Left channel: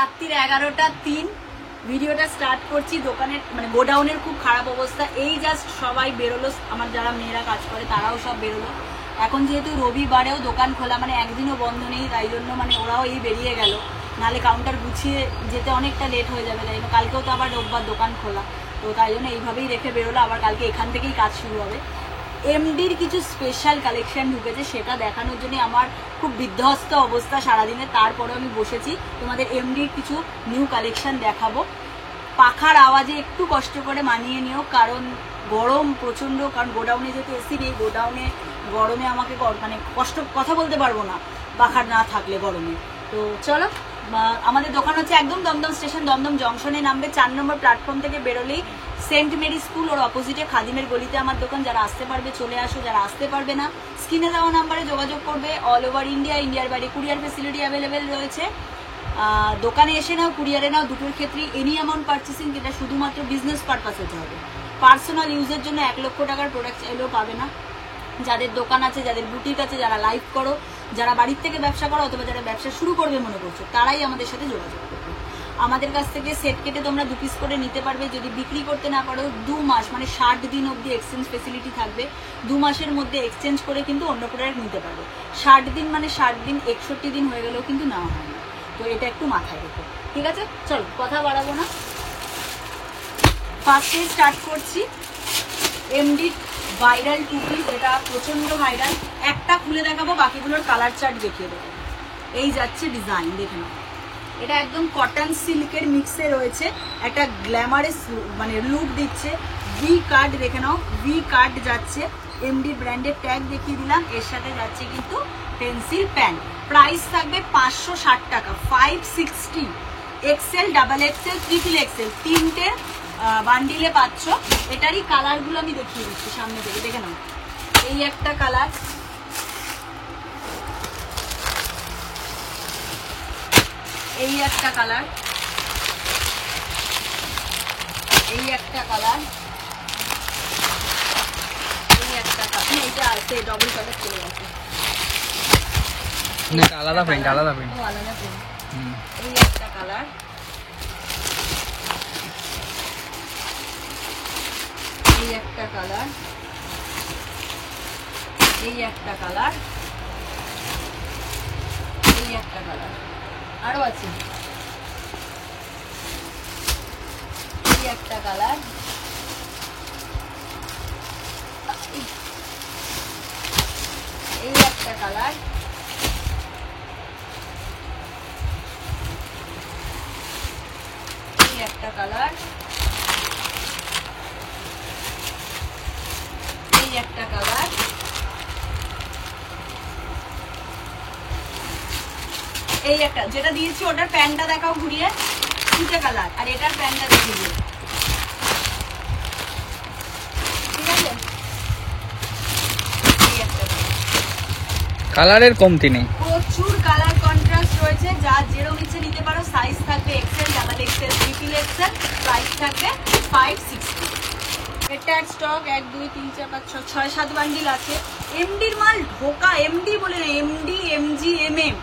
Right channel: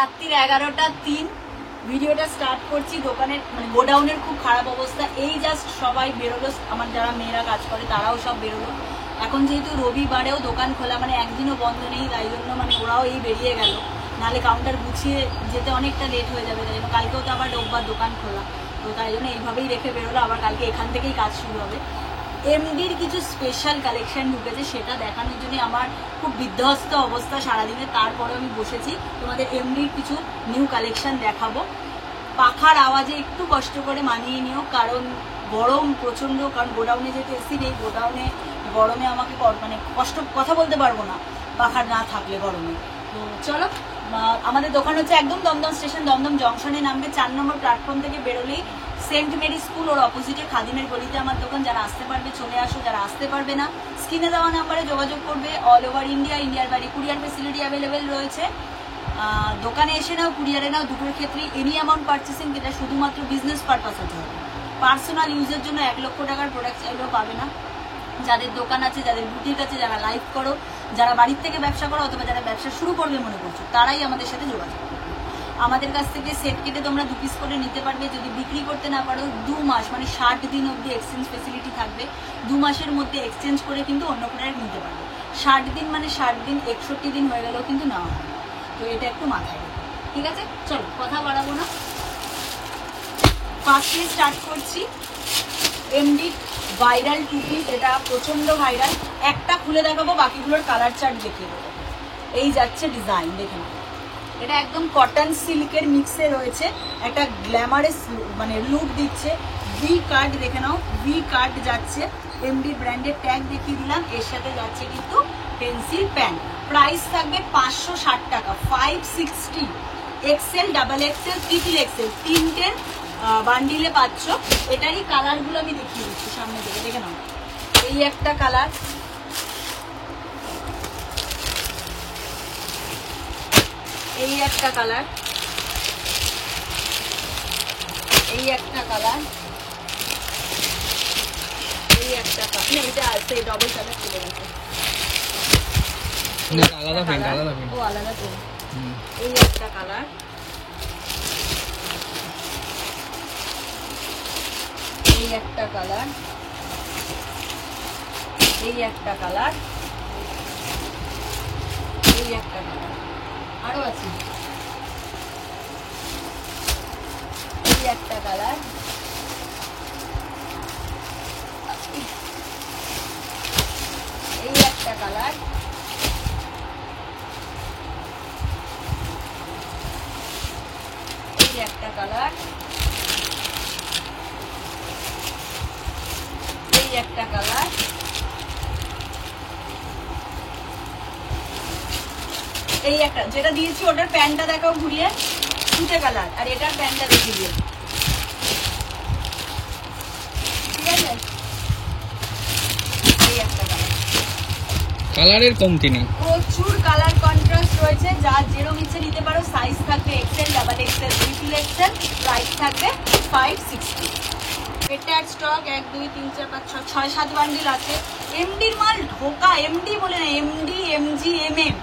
রাত্রির 11:03 ভিডিওটা স্টার্ট করছি। দোকানের মানে গোডাউনের খুব খারাপ অবস্থা। এই জাস্ট সবাই বেরোলো, আমার যারা মেয়েরা কাজ করে তারাও সব বেরোলো। এখন যেহেতু রবিবারেও দোকান খোলা, মানে একদিনও বন্ধ নেই, তাই জন্য মানে ওরাও এই বেরিয়ে গেল, নাহলে কাউন্টার গুছিয়ে যেতে অনেকটা লেট হয়ে যাবে। তাই জন্য কালকেও তো আবার রোববার দোকান খোলা, তো তাই জন্য এইভাবেই রেখে বেরোলো। আবার কালকে এখান থেকেই কাজ শুরু হবে। এমডির কিছু স্পেশাল কালেকশন ঢুকেছে, সেটা দেখানোর জন্য আমার খুব বিধ্বস্ত অবস্থা সারাদিনে। তারপরে আমি বসেছি, তোমাদের এমডির কিছু নিউ কালেকশন দেখাবো। পাখার আওয়াজে একটু কষ্ট করে মানিয়ে নিও, কারণ গরম প্রচন্ড। কারণ গোডাউনে যেহেতু এসি নেই, গোডাউনে গরমে আমাকে মানে কথা বলতে পারবো না পাখার না থাকলে গরমে। তো চলো, আমাদের দোকান হচ্ছে একদম দমদম স্টেশন, দমদম জংশনে নামবে। 4 নম্বর প্ল্যাটফর্ম থেকে বেরোলেই সেন্ট মেরি স্কুল ওর অপোজিটে খাদিমের গলিতে আমার দোকান। যারা আসতে পারবে চলে আসো, যারা আসতে পারবে না স্ক্রিনে দেওয়া নাম্বারে যোগাযোগ করবে। অল ওভার ইন্ডিয়া, ইন্ডিয়ার বাইরে কুরিয়ার ফেসিলিটি অ্যাভেলেবেল রয়েছে। দোকানে এসে নাও, কুরিয়ারে নাও, দুটোর ক্ষেত্রে এনি অ্যামাউন্ট পারচেসিং কিনা শুধুমাত্র বিজনেস পারপাসের জন্য। পার্সোনাল ইউজের জন্য 1 লক্ষ টাকার প্রোডাক্ট চাইলেও পাবে না। যাদের দোকান আছে, যাদের বুটিক আছে, যারা লাইভ করো, যারা বাড়ির থেকে ব্যবসা করো, অথবা যারা ব্যবসা শুরু করবে মনে করছো, তারাই আমাদের সাথে যোগাযোগ করবে। আমাদের কাছ থেকে সেট কেটে তোমরা 2 পিস করে নিতে পারবে। যদি বিক্রি করতে না পারো 2 মাস মানে 60 দিন অবধি এক্সচেঞ্জ ফেসিলিটি থাকবে। 2 মাসের মধ্যে এক্সচেঞ্জ করে কিন্তু অন্য প্রোডাক্ট নিতে পারবে। 60 দিন মানে 60 দিন, 61 দিন হয়ে গেলেও কিন্তু নেওয়া হয় না। তো এটা একটু মাথায় রেখো, ঠিক আছে? চলো কথা বাড়াবো না, ফার্স্টে স্টার্ট করছি। এমডি ভাইরাল টুপি, এটা প্রচন্ড ভাইরাল। একটা খুলে দেখাবো, বাকিগুলোর কালার চার্ট দেখিয়ে দেবো। এই যাচ্ছে ডিজাইন, দেখে নাও। এটা একদম কটন সিল্কের মিক্সে রয়েছে, একটা গ্ল্যামারাস মানে লুক দিচ্ছে। ভি কার্ড দেখে নাও, ভি কার্ড যাচ্ছে। এমডি ব্র্যান্ডের ট্যাগ দেখিয়ে দিলাম। এর সাথে যাচ্ছে কিন্তু পেন্সিল প্যান্ট। প্রাইস থাকবে 560 টাকা, 560। XL, double XL, triple XL, 3টে বান্ডিলে পাচ্ছ। এটারই কালার গুলো আমি দেখিয়ে দিচ্ছি সামনে থেকে, দেখে নাও। এই একটা কালার, এই একটা কালার, এই একটা কালার, এই একটা কালার। এটা আছে ডবল কালার চলে গেছে, আলাদা প্যান্ট, আলাদা প্যান্ট, আলাদা প্যান্ট। এই একটা কালার, এই একটা কালার, এই একটা কালার, এই একটা কালার, আরো আছে। এই একটা কালার, এই একটা কালার, এই একটা কালার, এই একটা কালার, এই একটা যেটা দিয়েছি ওটার প্যান্টটা দেখাও ঘুরিয়ে, 2টে কালার। আর এটার প্যান্টটা দেখিয়ে দিও, ঠিক আছে? এই একটা কালারের কমতি নেই, প্রচুর কালার কন্ট্রাস্ট রয়েছে। যা যেরকম ইচ্ছে নিতে পারো। সাইজ থাকবে XL, double XL, triple XL. Price থাকবে 560। এটার স্টক 1 2 3 4 5 6 6 7 বান্ডিল আছে। এমডির মাল ঢোকা, এমডি বলে না, এমডি, এমজি, এমএম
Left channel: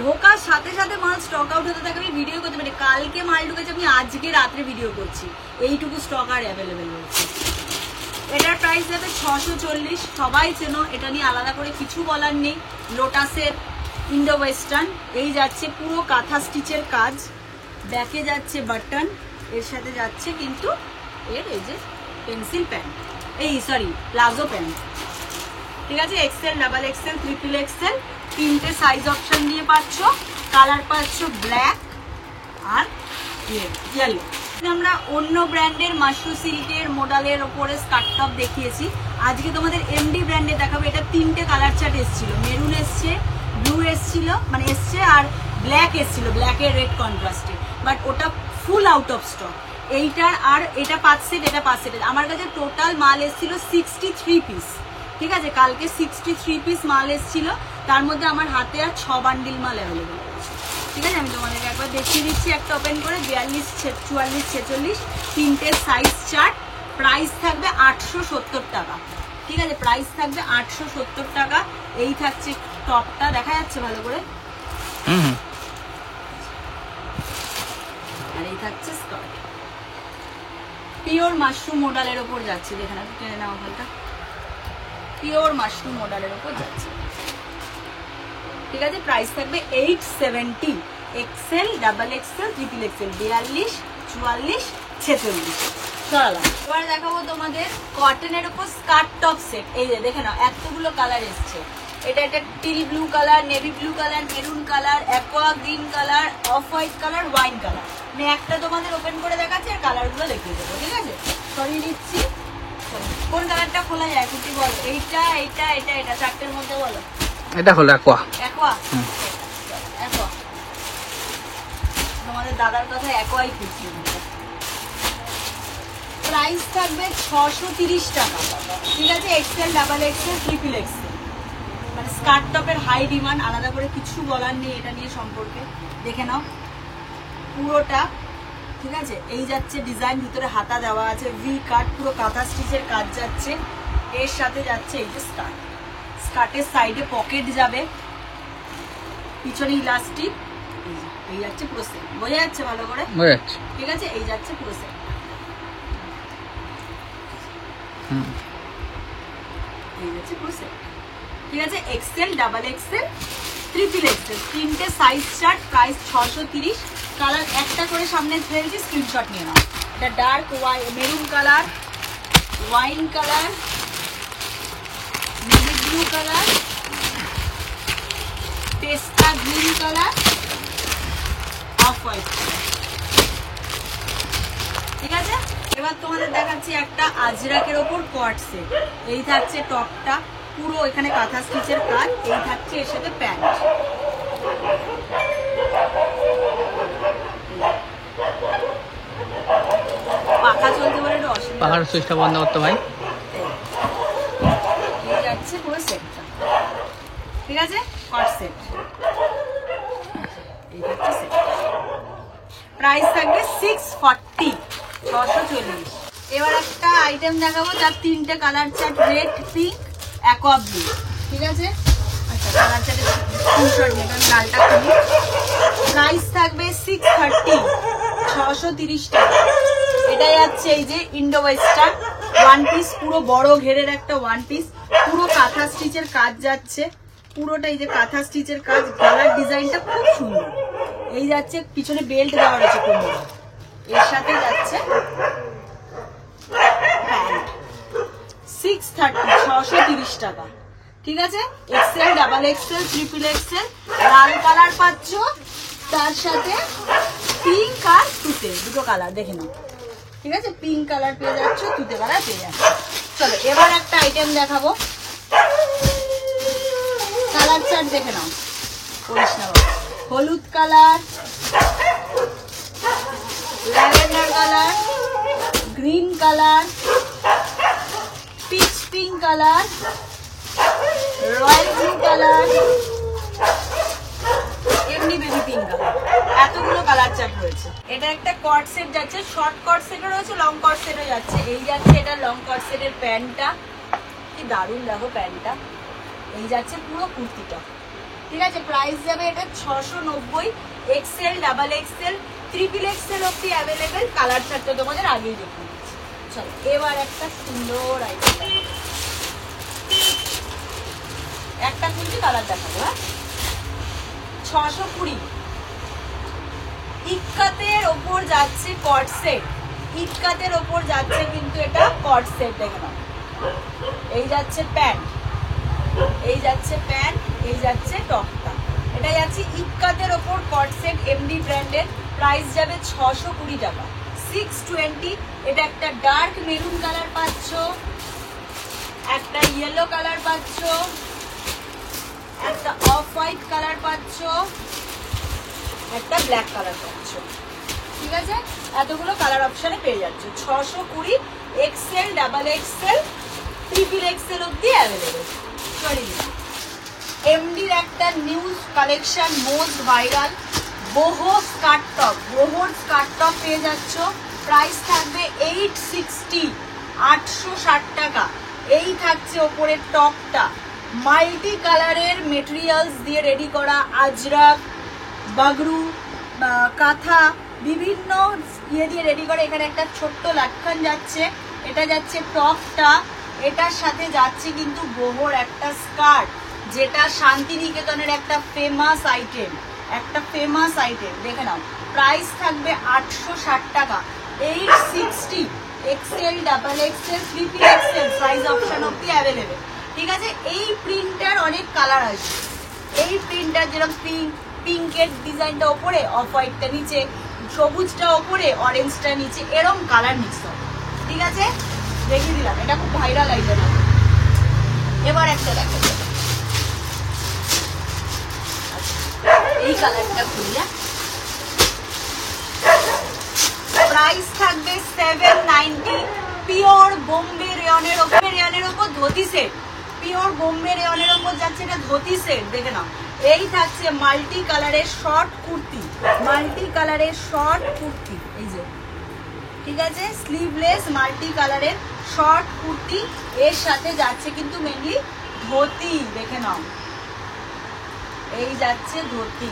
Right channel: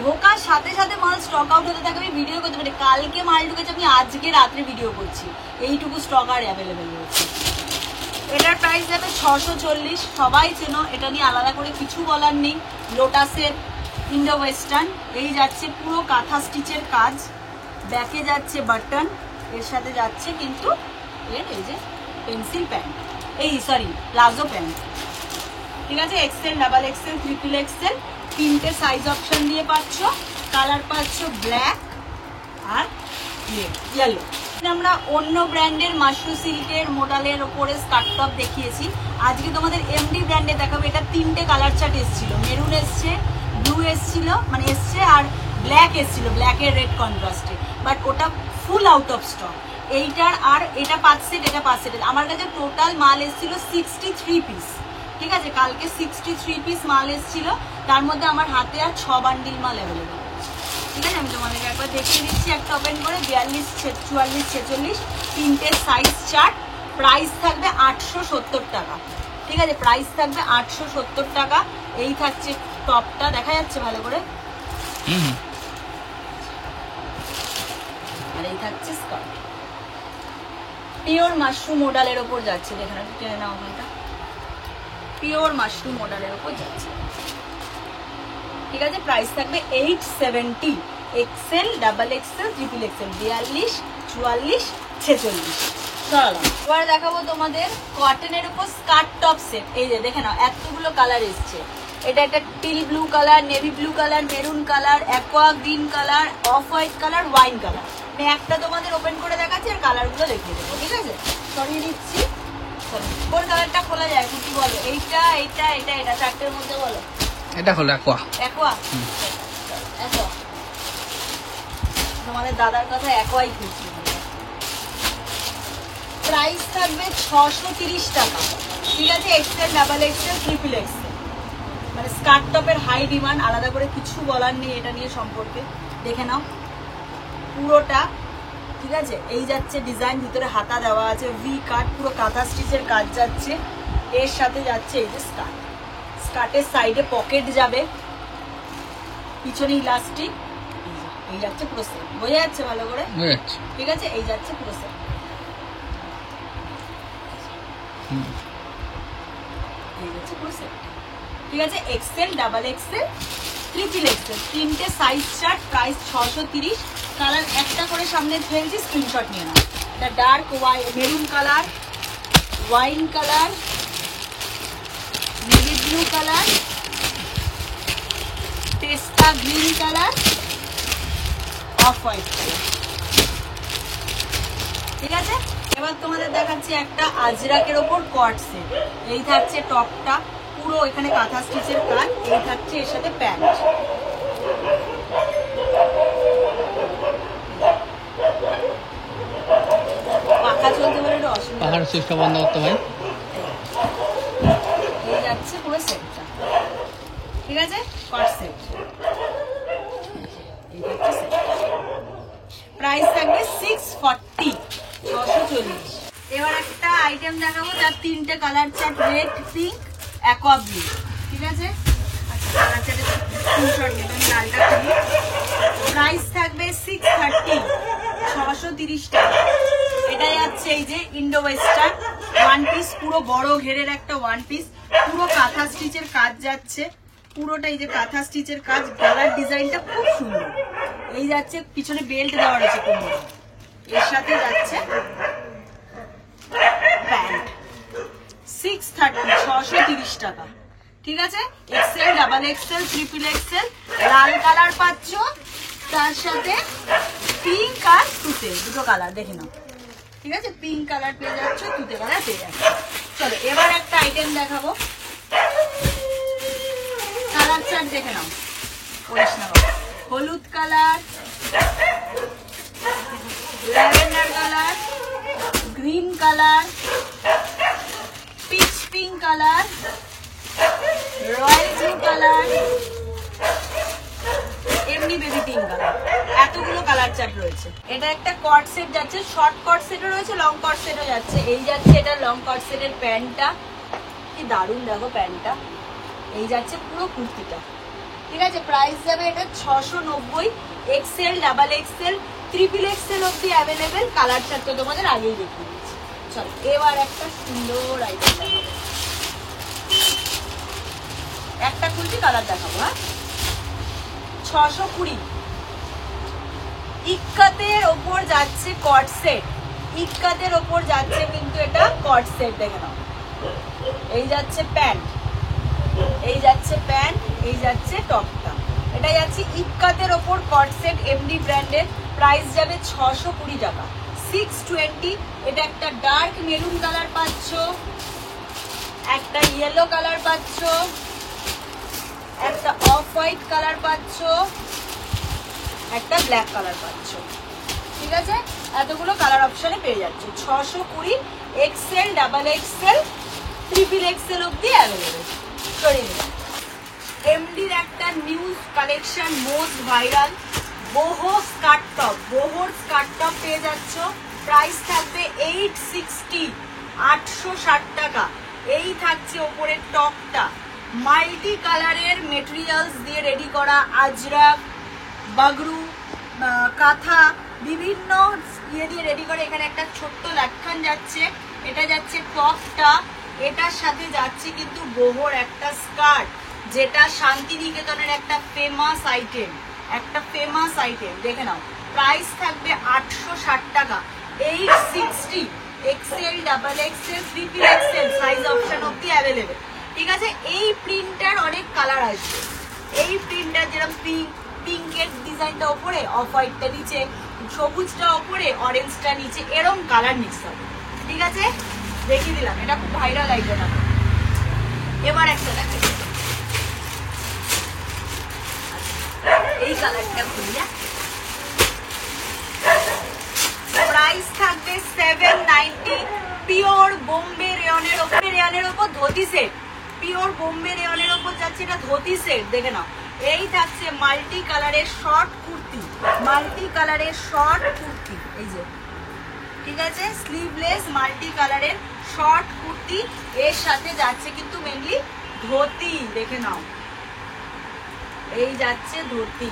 ঢোকার সাথে সাথে মাল স্টক আউট হতে থাকে। আমি ভিডিও করতে পারি, কালকে মাল ঢুকেছে, আমি আজকে রাত্রে ভিডিও করছি। এইটুকু স্টক আর অ্যাভেলেবেল রয়েছে। এটার প্রাইস যাবে 640। সবাই চেনো, এটা নিয়ে আলাদা করে কিছু বলার নেই। লোটাসের ইন্ডো ওয়েস্টার্ন। এই যাচ্ছে পুরো কাঁথা স্টিচের কাজ, ব্যাকে যাচ্ছে বাটন, এর সাথে যাচ্ছে কিন্তু এর এই যে পেন্সিল প্যান্ট, এই সরি প্লাজো প্যান্ট, ঠিক আছে? XL, double XL, triple XL, 3টে সাইজ অপশন দিয়ে পাচ্ছ। কালার পাচ্ছ ব্ল্যাক আর ইয়েলো। আমরা অন্য ব্র্যান্ডের মাশরু সিল্কের মডেলের ওপরে স্কার্ট টপ দেখিয়েছি। আজকে তোমাদের এমডি ব্র্যান্ডে দেখাবো। এটা 3টে কালার চার্ট এসেছিল, মেরুন এসছে, ব্লু এসছিল মানে এসছে, আর ব্ল্যাক এসছিল, ব্ল্যাকের রেড কন্ট্রাস্টে। বাট ওটা ফুল আউট অফ স্টক। এইটার আর এটা 5 সেট, এটা 5 সেট। আমার কাছে টোটাল মাল এসছিল 63 পিস, ঠিক আছে? কালকে 63 পিস মাল এসছিল, তার মধ্যে আমার হাতে আর 6 বান্ডিল মাল অ্যাভেলেবল, ঠিক আছে? আমি তোমাদের একবার দেখিয়ে দিচ্ছি একটা ওপেন করে। 42 44 46 3টে সাইজ চার্ট। প্রাইস থাকবে 870 টাকা, ঠিক আছে? প্রাইস থাকবে 870 টাকা। এই থাকছে টপটা, দেখা যাচ্ছে ভালো করে? আর এই থাকছে স্কার্ট। পিওর মাশরুম মডেলের উপর যাচ্ছে, দেখেন আমি কিনে নাও এটা, পিওর মাশরুম মডেলের উপর যাচ্ছে, ঠিক আছে। প্রাইস থাকবে 870, XL, double XL, triple XL, 42, 44, 46। সরালাম। এবার দেখাবো তোমাদের কটনের উপর স্কার্ট টপ সেট। এই যে দেখে নাও এতগুলো কালার এসছে। এটা একটা teal blue colour, navy blue colour, maroon colour, aqua green colour, off white colour, wine colour. আমি একটা তোমাদের ওপেন করে দেখাচ্ছি আর কালারগুলো দেখিয়ে দেবো, ঠিক আছে। সরিয়ে দিচ্ছি। কোন কালারটা খোলা যায় কুটি বলো? এইটা, এটা, এটা, এটা, চারটের মধ্যে বলো। এটা হলো অ্যাকোয়া। Aqua, aqua. তোমাদের দাদার কথা অ্যাকোয়াই খুঁজছি। প্রাইস থাকবে 630 টাকা, ঠিক আছে। XL, double XL, triple XL. মানে স্কার্ট টপের হাই ডিমান্ড, আলাদা করে কিছু বলার নেই এটা নিয়ে সম্পর্কে। দেখে নাও পুরোটা, ঠিক আছে। এই যাচ্ছে ডিজাইন, ভিতরে হাতা দেওয়া আছে, ভি কাট, পুরো কাঁথা স্টিচের কাজ যাচ্ছে। এর সাথে যাচ্ছে এই যে স্কার্ট, স্কার্টের সাইডে পকেট যাবে, পিছনে ইলাস্টিক, এই যাচ্ছে পুরো সেট। বোঝা যাচ্ছে ভালো করে? বোঝা যাচ্ছে, ঠিক আছে। এই যাচ্ছে পুরো সেট, এই যাচ্ছে পুরো সেট, ঠিক আছে। XL, double XL, triple XL, তিনটে সাইজ চার্ট। প্রাইস 630। কালার একটা করে সামনে ফেলছি, স্ক্রিনশট নিয়ে নাও। এটা dark maroon colour, wine colour, navy blue colour, পেস্তা green colour, off white colour, ঠিক আছে। এবার তোমাদের দেখাচ্ছি একটা আজরাকের ওপর কট সেট। এই থাকছে টপটা, পুরো এখানে কাঁথা স্টিচের কাজ। এই থাকছে এর সাথে প্যান্ট। পাখা চলতে বলে একটু অসুবিধা, পাখার সুইচটা বন্ধ করতে ভাই। এই যাচ্ছে পুরো সেটটা, ঠিক আছে। কট সেট, এই থাকছে সেট। প্রাইস থাকবে 640, 640। এবার একটা আইটেম দেখাবো যার তিনটে colour chart, red, pink, aqua blue, ঠিক আছে। আচ্ছা, কালার চার্টে স্ক্রিনশট নেবেন, লালটা খুলি। প্রাইস থাকবে 630, 630 টাকা। এটাই আছে এই যে ইন্ডো ওয়েস্টার্ন ওয়ান পিস, পুরো বড় ঘেরের একটা ওয়ান পিস, পুরো কাঁথা স্টিচের কাজ যাচ্ছে, পুরোটা এই যে কাঁথা স্টিচের কাজ। গলার ডিজাইনটা খুব সুন্দর। এই যাচ্ছে পিছনে বেল্ট দেওয়া রয়েছে কোমরে, এর সাথে যাচ্ছে প্যান্ট। 630, 630 টাকা, ঠিক আছে। XL, double XL, triple XL. লাল কালার পাচ্ছ, তার সাথে পিঙ্ক আর তুতে, দুটো কালার দেখে নাও, ঠিক আছে। পিঙ্ক কালার পেয়ে যাচ্ছ, তুতে কালার পেয়ে যাচ্ছ। চলো এবার একটা আইটেম দেখাবো, কালার চার্ট দেখে নাও, করিস না বাবা। হলুদ colour, lavender colour, green colour, pitch pink colour, royal blue colour, এমনি বেবি পিঙ্ক কালার। এতগুলো কালার চার্ট রয়েছে। এটা একটা কট সেট যাচ্ছে, শর্ট কট সেটও রয়েছে, লং কট সেটও যাচ্ছে। এই যাচ্ছে এটা লং কট সেটের প্যান্টটা, কি দারুণ দেখো প্যান্টটা। এই যাচ্ছে পুরো কুর্তিটা, ঠিক আছে। প্রাইস যাবে এটা 690, XL, double XL, triple XL অব্দি অ্যাভেলেবেল। কালার চার্ট তো তোমাদের আগেই দেখিয়ে দিচ্ছি। চলো এবার একটা সুন্দর আইটেম, একটা খুলছি কালার দেখাবো। হ্যাঁ, 620, ইক্কাতের ওপর যাচ্ছে কট সেট, ইক্কাতের ওপর যাচ্ছে কিন্তু এটা কট সেট। দেখো এই যাচ্ছে প্যান্ট, এই যাচ্ছে প্যান্ট, এই যাচ্ছে টপটা। এটা যাচ্ছে ইক্কাতের ওপর কট সেট, এমডি ব্র্যান্ডের। প্রাইস যাবে 620 টাকা, 620। এটা একটা ডার্ক মেরুন কালার পাচ্ছ, একটা ইয়েলো কালার পাচ্ছ, একটা অফ হোয়াইট কালার পাচ্ছ, একটা ব্ল্যাক কালার পাচ্ছ, ঠিক আছে। এতগুলো কালার অপশনে পেয়ে যাচ্ছে। 620, XL, double XL, triple XL অব্দি অ্যাভেলেবেল। এমডির একটা news collection, most viral boho skirt top, বোহোর স্কার্ট টপ পেয়ে যাচ্ছ। প্রাইস থাকবে 860, 860 টাকা। এই থাকছে ওপরের টপটা, মাল্টি কালারের মেটেরিয়ালস দিয়ে রেডি করা, আজরাক, বাগরু, কাঁথা, বিভিন্ন ইয়ে দিয়ে রেডি করে। এখানে একটা ছোট্ট লাটখান যাচ্ছে, এটা যাচ্ছে টপটা, এটার সাথে যাচ্ছে কিন্তু বোহর একটা স্কার্ট, যেটা শান্তিনিকেতনের একটা ফেমাস আইটেম, দেখে নাও। প্রাইস থাকবে 860 টাকা। 860, XL, double XL, triple XL size option অব্দি অ্যাভেলেবেল। ঠিক আছে, এই প্রিন্টার অনেক কালার আছে। এই প্রিন্টার যেরকম পিঙ্কের ডিজাইনটা ওপরে, অফ হোয়াইটটা নিচে, সবুজটা ওপরে, অরেঞ্জটা নিচে, এরকম কালার মিক্স হবে। ঠিক আছে, দেখিয়ে দিলাম, এটা খুব ভাইরাল আইটেম। এবার একটা দেখো, এই কালারটা খুললা, প্রাইস থাকবে 790। পিওর বোম্বে রেয়নের ওপর ধুতি সেট, পিওর বোম্বে রেয়নের ওপর যাচ্ছে এটা ধুতি সেট, দেখে নাও। এই থাকছে মাল্টি কালারের শর্ট কুর্তি, এই যে, ঠিক আছে, স্লিভলেস মাল্টি কালারের শর্ট কুর্তি, এর সাথে যাচ্ছে কিন্তু মেনলি ধুতি, দেখে নাও, এই যাচ্ছে ধুতি,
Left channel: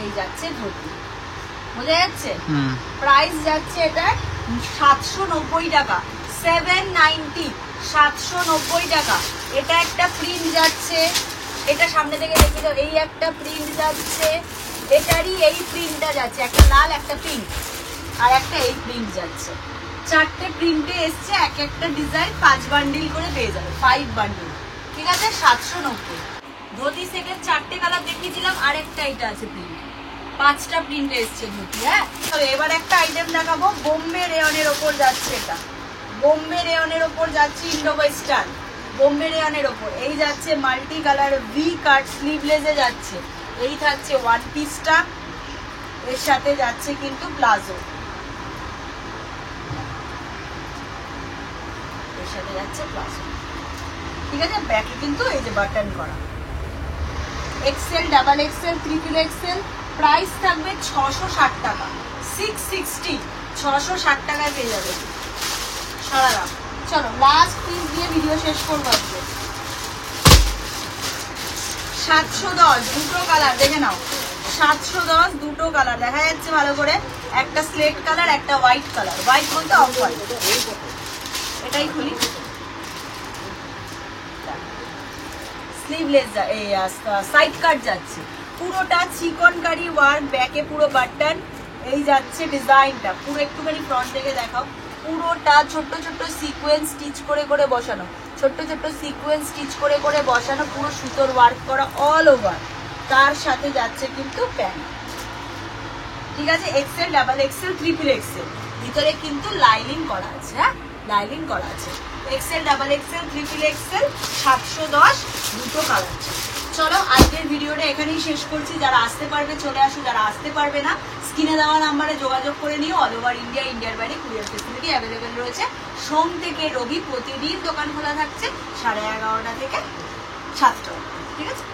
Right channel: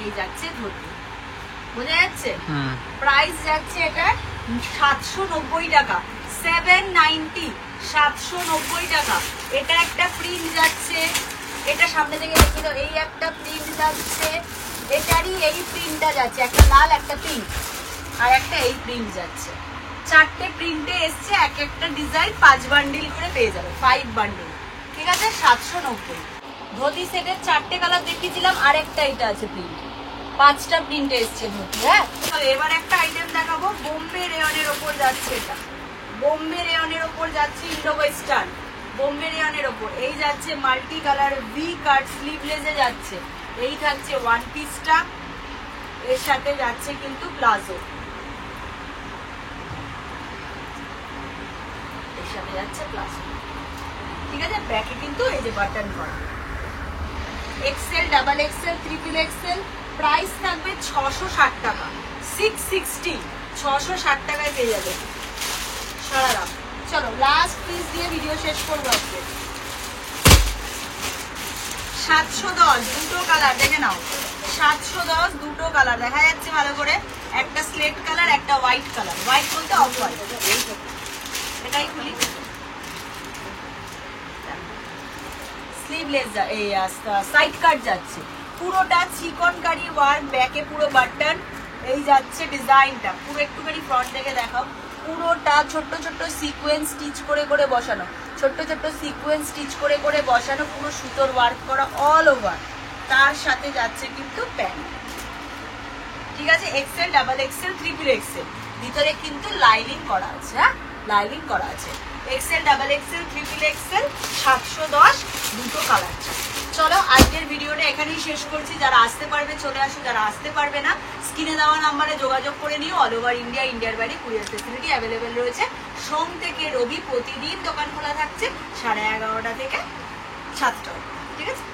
এই যাচ্ছে ধুতি, বোঝা যাচ্ছে। প্রাইস যাচ্ছে এটা 790 টাকা, 790, 790 টাকা। এটা একটা প্রিন্ট যাচ্ছে, এটা সামনে থেকে দেখি দাও, এই একটা প্রিন্ট যাচ্ছে, এটারই এই প্রিন্টটা যাচ্ছে, একটা লাল, একটা পিঙ্ক, আর একটা এই প্রিন্ট যাচ্ছে। 4টে প্রিন্টে এসছে, এক একটা ডিজাইন 5 বান্ডিল করে পেয়ে যাবে, 5 বান্ডিল। ঠিক আছে, 790। ধুতি সেটের 4টে কালার দেখিয়েছিলাম, আর একটা এটা আছে প্রিন্ট, 5টা প্রিন্ট এসছে ধুতি। হ্যাঁ, এবার একটা আইটেম দেখাবো, বোম্বে রেয়নের ওপর যাচ্ছে, এটা বোম্বে রেয়নের ওপর যাচ্ছে, ইন্ডো ওয়েস্টার্ন বোম্বে রেয়নের ওপর। এই যাচ্ছে মাল্টি কালার ভি কাট স্লিভলেসে যাচ্ছে, এই থাকছে ওয়ান পিসটা, এর সাথে যাচ্ছে কিন্তু প্লাজো, এর সাথে যাচ্ছে প্লাজো। ঠিক আছে, ব্যাকে কিন্তু এই যে বাটন করা, XL, double XL, triple XL. Price থাকবে 660 টাকা, 660, 660 টাকায় পেয়ে যাবে সারা। চলো লাস্ট পিস দিয়ে ভিডিও শেষ করবো আজকে। 710, দুটো কালার, দেখে নাও, 710 দুটো কালার দেখা যাচ্ছে ভালো করে, একটা স্লেট কালার, একটা হোয়াইট কালার, হোয়াইট বলতে অফ হোয়াইট। এটাই খুলি, স্লিভলেস, সাইড কাট যাচ্ছে, পুরোটা চিকনকারি ওয়ার্ক, ব্যাকে পুরো বাটন, এই যাচ্ছে ডিজাইনটা পুরো, একটুখানি ফ্রন্ট থেকে দেখাও, পুরোটা ছোট্ট ছোট্ট সিকোয়েন্স স্টিচ করে করে বসানো, ছোট্ট ছোট্ট সিকোয়েন্স স্টিচ করে করে বসানো, পুরো সুতোর ওয়ার্ক করা অল ওভার। তার সাথে যাচ্ছে কিন্তু প্যান্ট। ঠিক আছে, XL, double XL, triple XL, ভিতরে কিন্তু লাইনিং করা আছে। হ্যাঁ, লাইনিং করা আছে। XL, double XL, triple XL, 710, দুটো কালার। চলো আজকের ভিডিওটা এখানেই শেষ করছি। যারা আসতে পারবে চলে আসো, যারা আসতে পারবে না স্ক্রিনে দেওয়া নাম্বারে যোগাযোগ করে নিও। অল ওভার ইন্ডিয়া, ইন্ডিয়ার বাইরে কুরিয়ার ফেসিলিটি অ্যাভেলেবেল রয়েছে। সোম থেকে রবি প্রতিদিন দোকান খোলা থাকছে 11:30 থেকে 7টা। ঠিক আছে।